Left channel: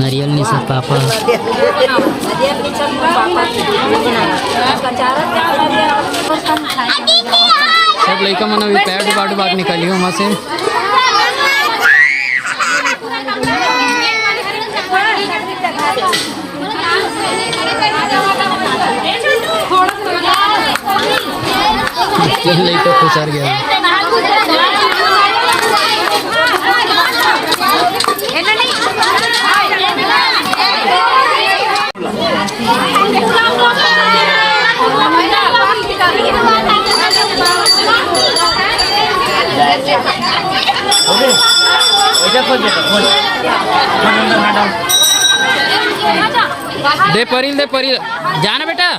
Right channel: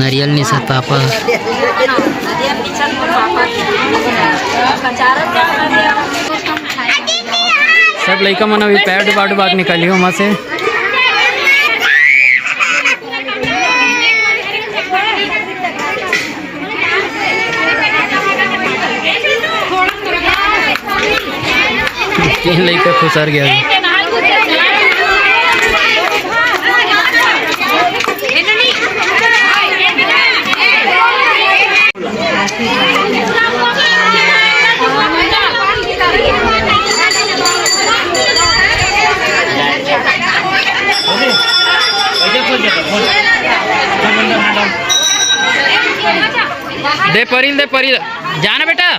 नारियल नहीं सर पापा सब लड़का मन अभी पैड बाट बाग निकालियो वहाँ से। तीन लड़का खुसर गया। दे परिल जाना बेटा।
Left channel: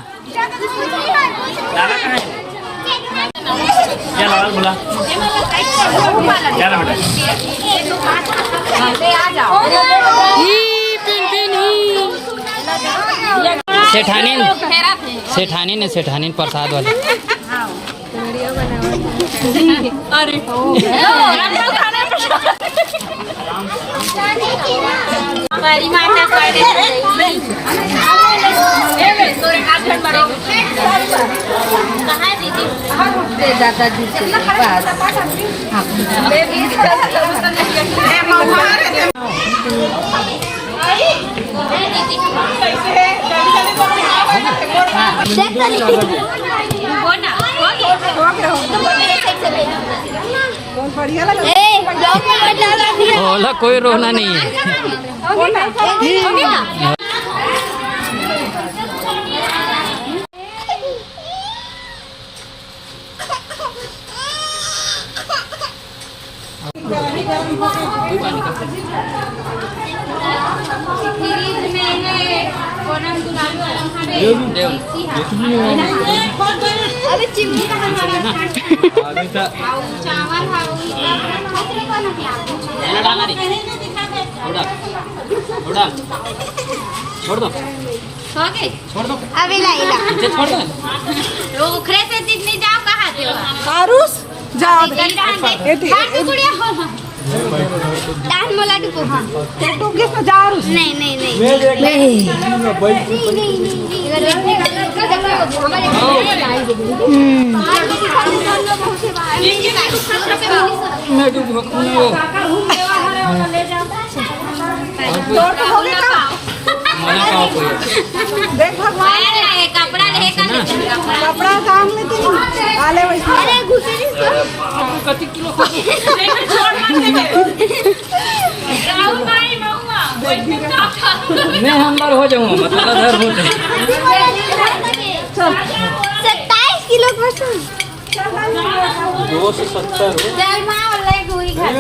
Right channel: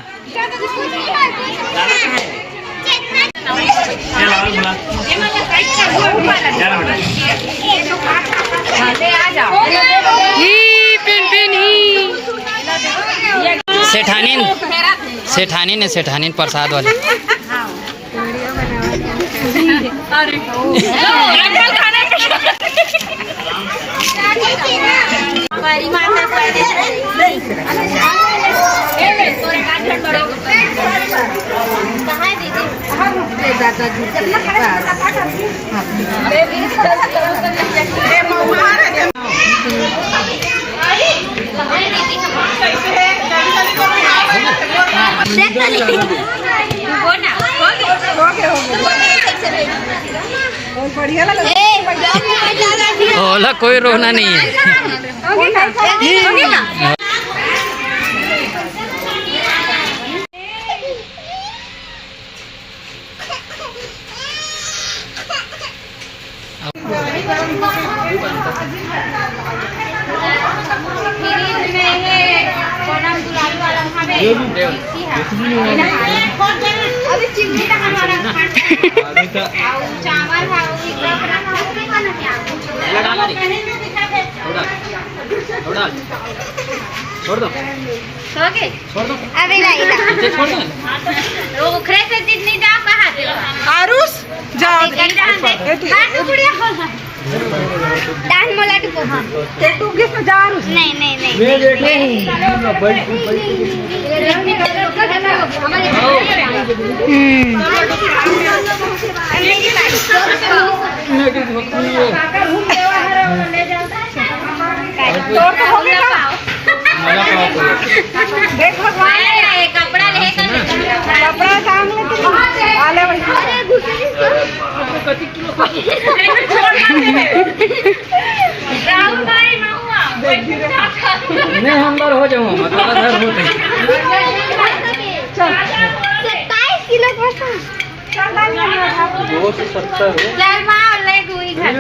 सेठानी ने प्रसाद वाले ओला कोई रोना नहीं है। अभी चिमनी का हमारे चावल छोड़ दो छोड़ दो अभी नहीं छोड़ दो वो उखरे से जितनी जाओ कहाँ से आरुष जाओ डांस मोला टुको हाँ तू किस में जा आरुष नहीं नहीं नहीं देख कपड़ा कपड़ा काम लेते आले अरे घुसे नहीं हम बार हो जाऊँ मतलब घर हो जाए 27 किलो पसंद 270 चल माँ ले कोई घर